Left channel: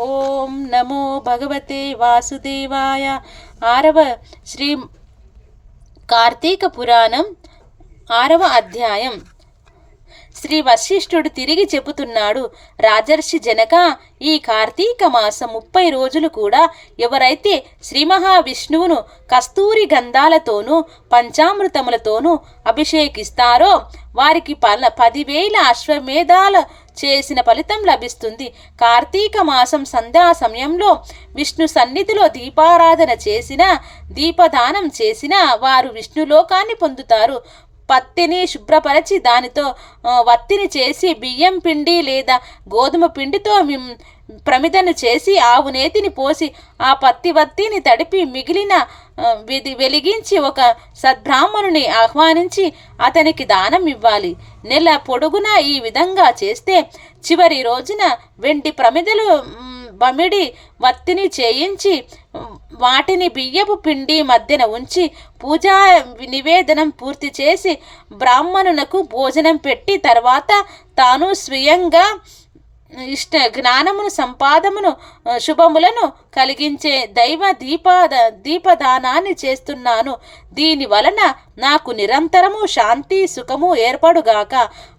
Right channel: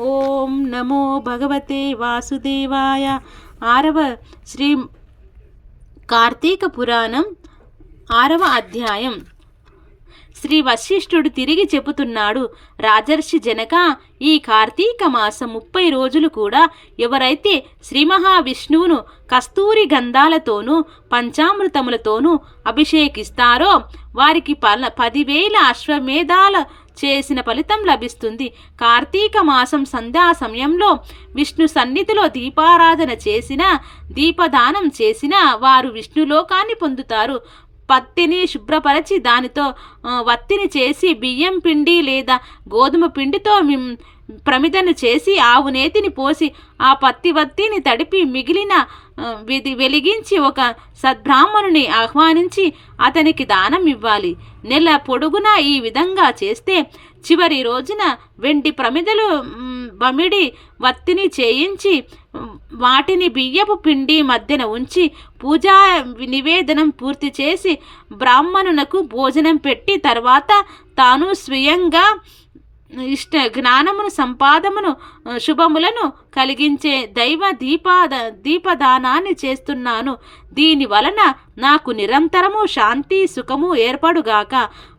ఓం నమో భగవతే వాసుదేవాయ. ఆరవ శ్రీ కార్తీక పురాణం 6వ అధ్యాయం. శ్రీ వశిష్ఠుడు తిరిగి చెబుతున్నాడు. రాజర్షి జనక, ఈ కార్తీక మాసం 30 రోజులు కూడా ఎవరైతే శ్రీ మహావిష్ణువును కస్తూరి గంధాలతోనూ పంచామృతములతోనూ అభిషేకిస్తారో వారికి 10,000 అశ్వమేధాల చేసిన ఫలితం లభిస్తుంది. కార్తీక మాసం సంధ్యా సమయంలో విష్ణు సన్నిధిలో దీపారాధన చేసిన, దీపదానం చేసిన వారు విష్ణులోకాన్ని పొందుతారు. పత్తిని శుభ్రపరచి దానితో వత్తిని చేసి బియ్యం పిండి లేదా గోధుమ పిండితో ప్రమిదను చేసి ఆవు నేతిని పోసి ఆ పత్తి వత్తిని తడిపి మిగిలిన వెలిగించి ఒక సద్బ్రాహ్మణుని ఆహ్వానించి అతనికి దానం ఇవ్వాలి. నెల పొడుగునా ఈ విధంగా చేస్తే చివరి రోజున వెండి ప్రమిదలు బమిడి వత్తిని చేయించి వాటిని బియ్యపు పిండి మధ్యన ఉంచి పూజా నివేదనం పూర్తి చేసి బ్రాహ్మణునకు భోజనం పెట్టి తర్వాత తాను స్వయంగా ఇష్ట జ్ఞానమును సంపాదమును శుభములను కలిగించే దైవ దీపదానాన్ని చేస్తున్నాను. దీని వలన నాకు నిరంతరము శాంతి సుఖము ఏర్పడుగాక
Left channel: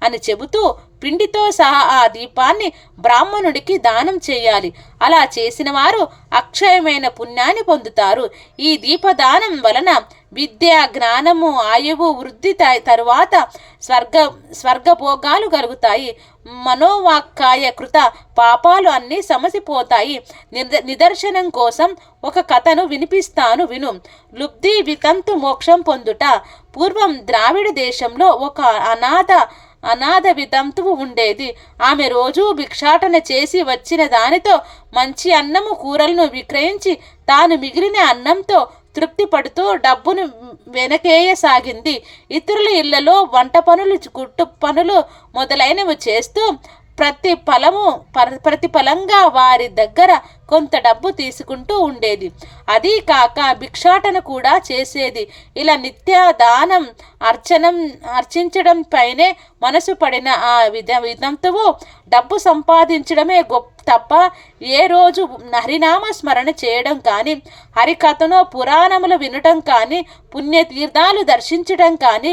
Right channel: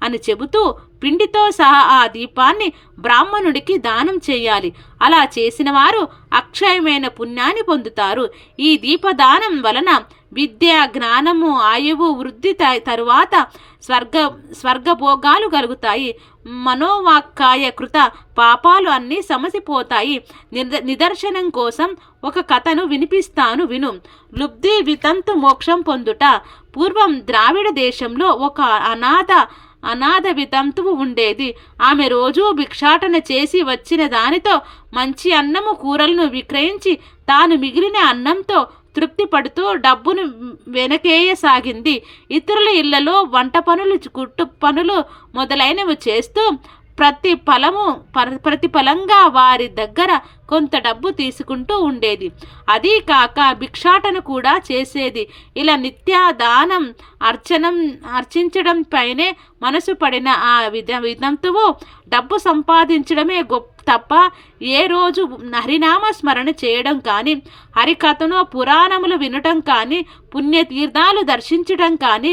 అని చెబుతూ పిండితో సహా ఆ దీపాన్ని బ్రాహ్మణుడికి దానం చేయాలి. అలా చేసిన వారు అక్షయమైన పుణ్యాన్ని పొందుతారు. ఈ దీపదానం వలన విద్య, జ్ఞానము, ఆయువు వృద్ధి తరువాత స్వర్గభోగాలు కలుగుతాయి. మనోవాక్కాయ కృత పాపాలు అన్నీ సమసిపోతాయి. నిదర్శనం కోసం ఒక కథను వినిపిస్తాను విను. లుబ్ధి వితంతు మోక్షం పొందుట. పూర్వం ద్రావిడ దేశంలో ఒక అనాథ వితంతువు ఉండేది. ఆమె రోజూ భిక్షాటన చేసి వచ్చిన దానితో మంచి అన్నము కూరలను విక్రయించి తాను మిగిలిన అన్నంతో తృప్తి పడుతూ డబ్బును వెనకేయసాగింది. ఇతరుల ఇళ్లలో వంట పనులు, కుట్టు పనులు మొదలైనవి చేస్తూ ప్రతిఫలంగా వారి దగ్గర కొంత డబ్బు తీసుకుంటూ ఉండేది. అదీ కాక భిక్షాటన కూడా చేసేది. ఇలా నిత్య దానం అర్చించడం పైనే మనసు పడిన ఆ విధంతువు డబ్బు సంపాదించడమే తప్ప ఏ రోజు హరినామ స్మరణ చేయడం కానీ, హరికథనో పురాణములు వినటం కానీ, పుణ్యతీర్థాలు దర్శించడం కానీ,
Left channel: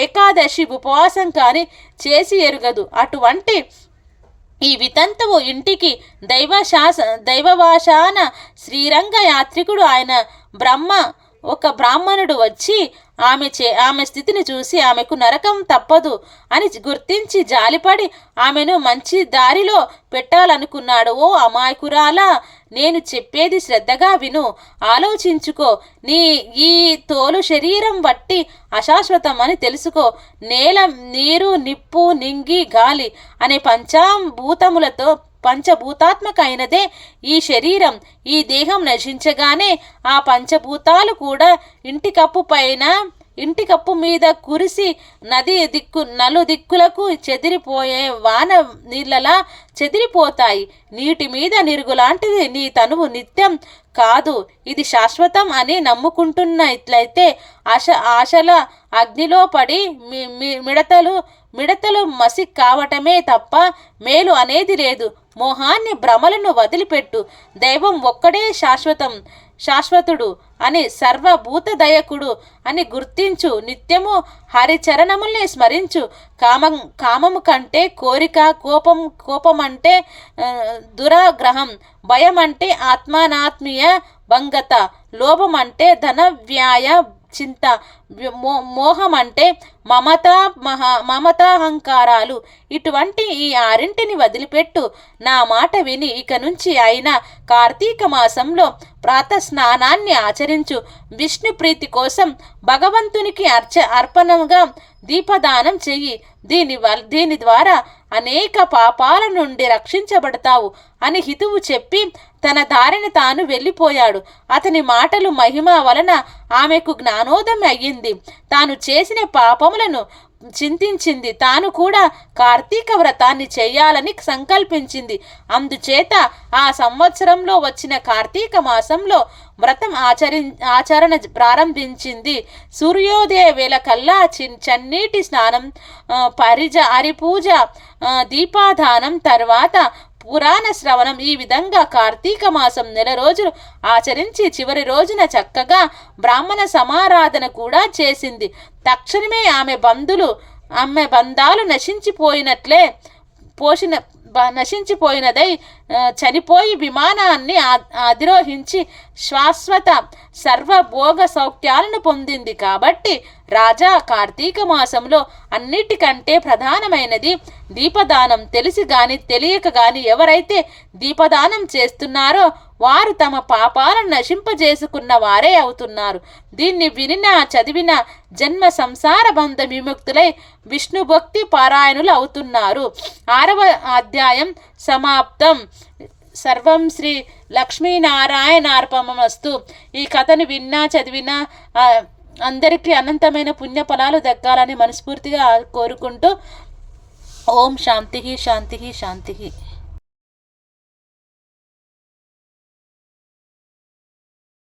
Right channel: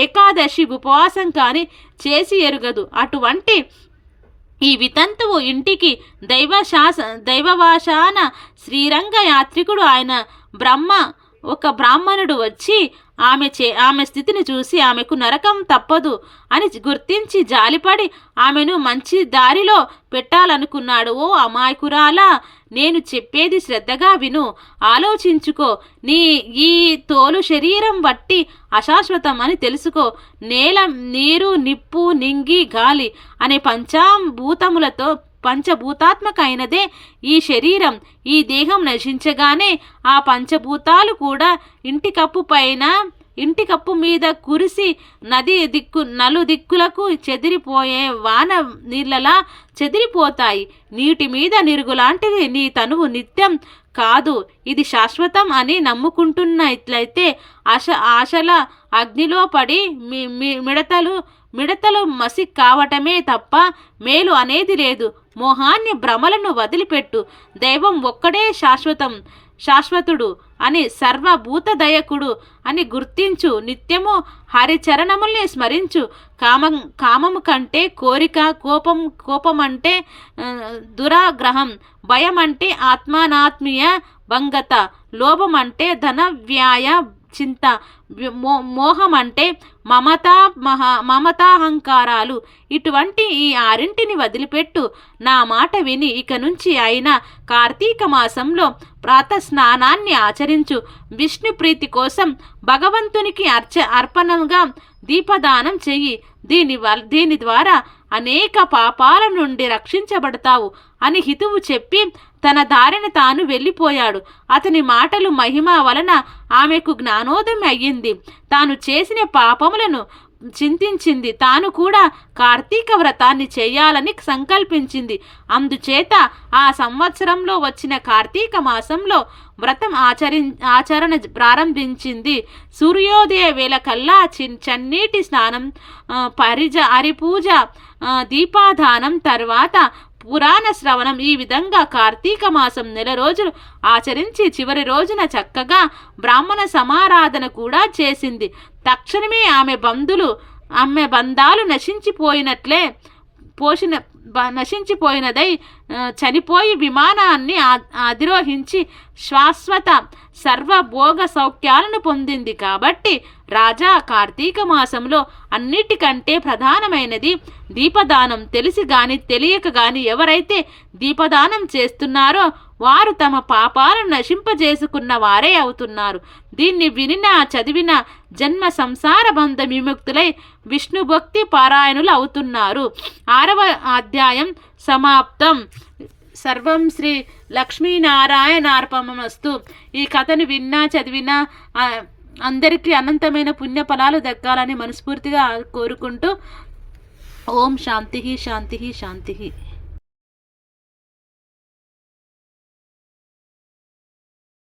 ఏకాదశి ఉపవాసం కానీ చేసి ఎరుగదు. అటువంటి ఈ వితంతువు ఇంటికి దైవవాశాన శ్రీరంగ యాత్రికుడు ఆయన ఒక బ్రాహ్మణుడు వచ్చి ఆమె స్థితిని చూసి ఆమెకు నరకం తప్పదు అని గుర్తించి జాలిపడి ఆమెను మంచి దారిలో పెట్టాలనుకున్నాడు. ఓ అమాయకురాలా, నేను చెప్పేది శ్రద్ధగా విను, ఆలోచించుకో. ఈ తోలు శరీరం బట్టి అశాశ్వతం అని తెలుసుకో. నేల, నీరు, నిప్పు, నింగి, గాలి అనే పంచభూతాత్మకైనదే ఈ శరీరం. ఈ దేహం నశించగానే ఆ పంచభూతాలు కూడా ఇంటి కప్పు మీద కురిసి నలుదిక్కులకు చెదిరిపోయే వాన నీళ్ళలా చెదిరిపోతాయి. నీటి మీద నిరుగులాంటిది నీ తనువు. నిత్యం కాదు, ఇది శాశ్వతం అని నమ్ముకుంటున్నట్లయితే ఆశల అగ్నిలో పడి మిడతలు మసి కావటమే తప్ప మేలు అనేది లేదు. మోహాన్ని, భ్రమలను వదిలిపెట్టు. దైవం ఒక్కడే శాశ్వతుడు అని, సర్వభూతదయకుడు అని గుర్తించు. నిత్యము హరిచరణముల్ని స్మరించు. కామము కంటే కోరిక, కోపం అంటే దురాగ్రహం, భయం అంటే ఆత్మానాత్మీయ భంగత, లోభం అంటే ధన వ్యయ చింత, మోహం అంటే మమతాహంకారాలు. ఇటువంటి ఈ 6 వదిలిపెట్టు. నా మాట విని ఇక నుంచి అయినా కార్తీక మాసంలో ప్రాతస్నానాన్ని ఆచరించు. విష్ణు ప్రీతి కోసం భగవంతునికి అర్పణంగా దీపదానం చెయ్యి. దీని ద్వారా అనేక పాపాల నుండి రక్షించబడతావు అని హితువు చెప్పి తన దారిని తాను వెళ్ళిపోయాడు. అతని మాటలు మహిమ వలన ఆమెకు జ్ఞానోదయం అయ్యింది. తాను చేసిన పాపములను చింతించింది. తాను కూడా కార్తీక వ్రతాన్ని చేయాలని సంకల్పించింది. అందుచేత ఆ సంవత్సరంలో వచ్చిన కార్తీక మాసంలో వ్రతం ఆచరణ ప్రారంభించింది. సూర్యోదయ వేళ కల్లా చన్నీటి స్నానం, హరిపూజ, దీపాదానం తర్వాత పురాణ శ్రవణం. ఈ విధంగా కార్తీక మాసం నెల రోజులు ఆచరించి చివరి రోజున చక్కగా బ్రాహ్మణ సమారాధన కూడా చేసింది. తక్షణమే ఆమె బంధాలు నశించిపోయినదై చనిపోయి విమానాన్ని అధిరోహించి శాశ్వత సర్వభోగ సౌఖ్యాలను పొందింది. కాబట్టి రాజా, కార్తీక మాసంలో అన్నిటికంటే ప్రధానమైనది దీపదానం. తెలిసి గాని తెలియక గాని ఎవరైతే దీపదానం చేస్తున్నారో వారు తమ పాపాలను నశింపజేసుకున్న వారే అవుతున్నారు. దీన్ని వినినా చదివిన జన్మ సంసార బంధ విముక్తులై విష్ణు భక్తి పారాయణులు అవుతున్నారు. 6వ అధ్యాయం సమాప్తం. సర్వం శ్రీ లక్ష్మీనారాయణార్పణమస్తు. ఈ కథను విన్నా చదివినా అందరికీ అనంతమైన పుణ్యఫలాలు దక్కాలని మనస్ఫూర్తిగా కోరుకుంటూ ఓం శాంతి శాంతి శాంతి.